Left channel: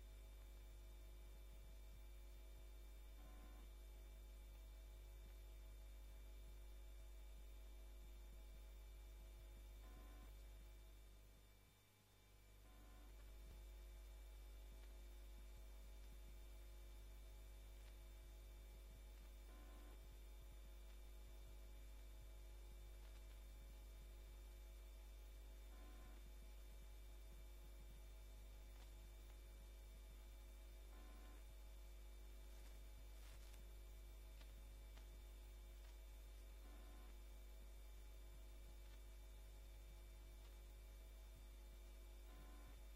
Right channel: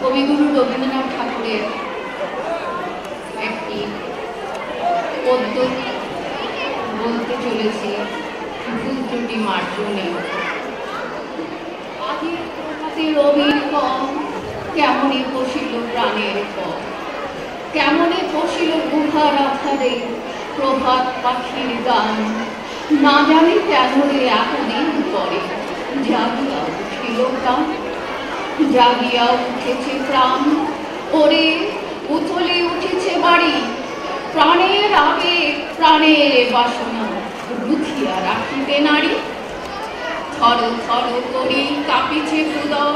কবিগুরু রবীন্দ্রনাথ ঠাকুরের একটি পদ্য বলতে চলেছি, ভুল ত্রুটি মার্জনে। আজির প্রভাতে রবির কম, কেমনে পশিল প্রাণের পথ, কেমনে পশিল গুহার আধারে প্রভাত পাখির গান। না জানি কেন রে এতদিন পরে জাগিয়া উঠিল প্রাণ, জাগিয়া উঠেছে প্রাণ। ওরে উথলে উঠেছে বাড়ি, প্রাণের আবেগ প্রাণের বাসনা রুখিয়া রাখিতে নারী। থর থর করি কাঁপিছে উদর,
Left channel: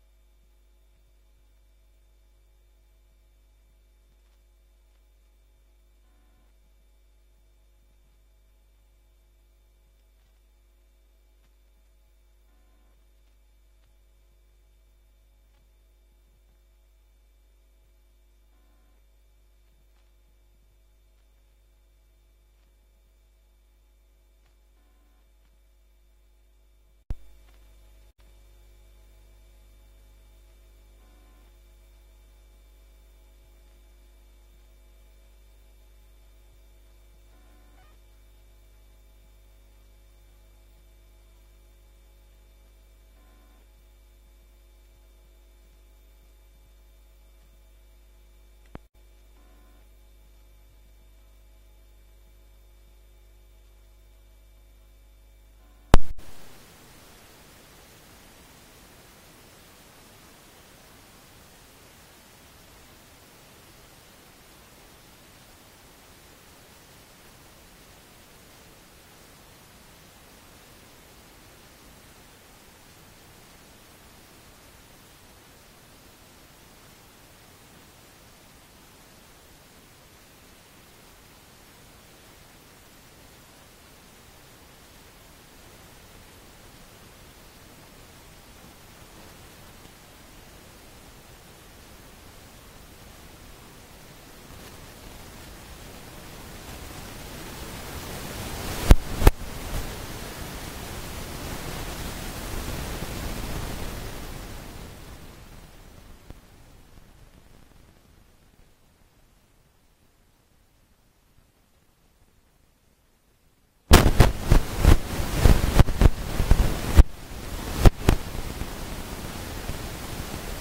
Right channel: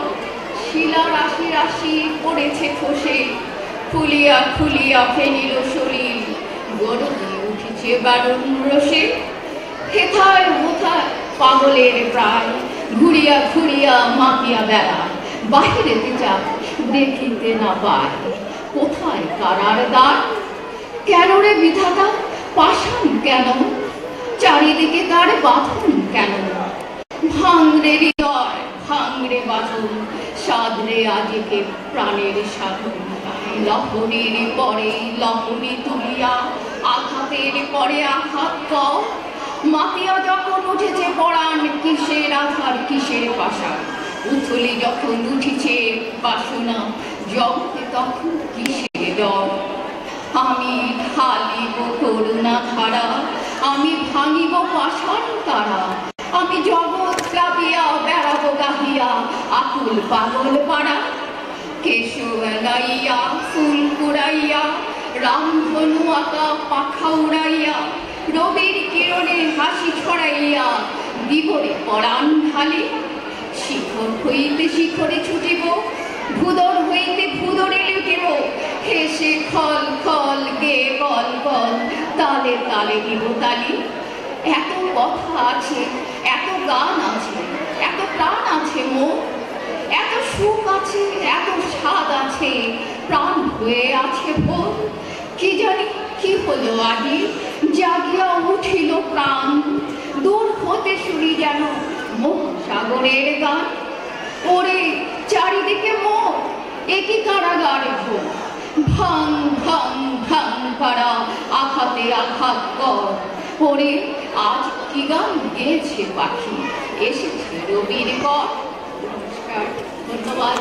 শিলা রাশি রাশি পড়েছে খসে, ফুলিয়া ফুলিয়া ফেনিল শরীর, গরমে উঠেছে বারণ রসে। হেথায় হোথায় পাগলের প্রায়, ঘুরিয়া ঘুরিয়া মাপিয়া বেড়া, বাহিরেতে যাক দেখিতে না পায়, কোথায় কারার দ্বার। কেন রে বিধাতা পাষাণ কেন, চারিদিকে তার বাঁধন কেন। ভাঙরে হৃদয় ভাঙরে বাঁধন, সাধরে আজকে প্রাণের সাধন। লহরীর পরে লহরী তুলিয়া, আঘাতের পরে আঘাত কর। মাতিয়া যখন উঠেছে পরাণ, কিসের আধার কিসের পাশা। উথলি যখন উঠিছে বাসনা, জগতে তখন কিসের ডর। আমি ঢালিব করুণা ধারা, আমি ভাঙিব পাষাণ তারা। আমি জগৎ প্লাবিয়া বেড়াবো গাহিয়া, আকুল পাগল পাড়া। কেশব লাইয়া ফুল কুড়াইয়া, রামধনু আঁকা পাখা উড়াইয়া, রবির কিরণে হাসি ছড়াইয়া বিভোরে পরাণ ঢালি। শিখর হইতে শিখরে ছুটিব, ভুদর হইতে ভুদরে লুটিব। হেসে খল খল গে বল বল, তালে তালে দিব তালি। এত কথা আছে, এত গান আছে, এত প্রাণ আছে মোর, এত সুখ আছে, এত স্বাদ আছে, প্রাণ হয়ে আছে ভোর। কি জানি কি হলো আজি, জাগিয়া উঠিল প্রাণ। দূর হতে শুনি যেন মুখ সাগরের গান। ওরে চারিদিকে মোর, একই কারাগার ঘোর। ভাঙ ভাঙ ভাঙ পাড়া, আঘাতে আঘাত কর। ওরে আজ কি গান গেয়েছে পাখি, এসেছে রবির কর। নমস্কার, ধন্যবাদ।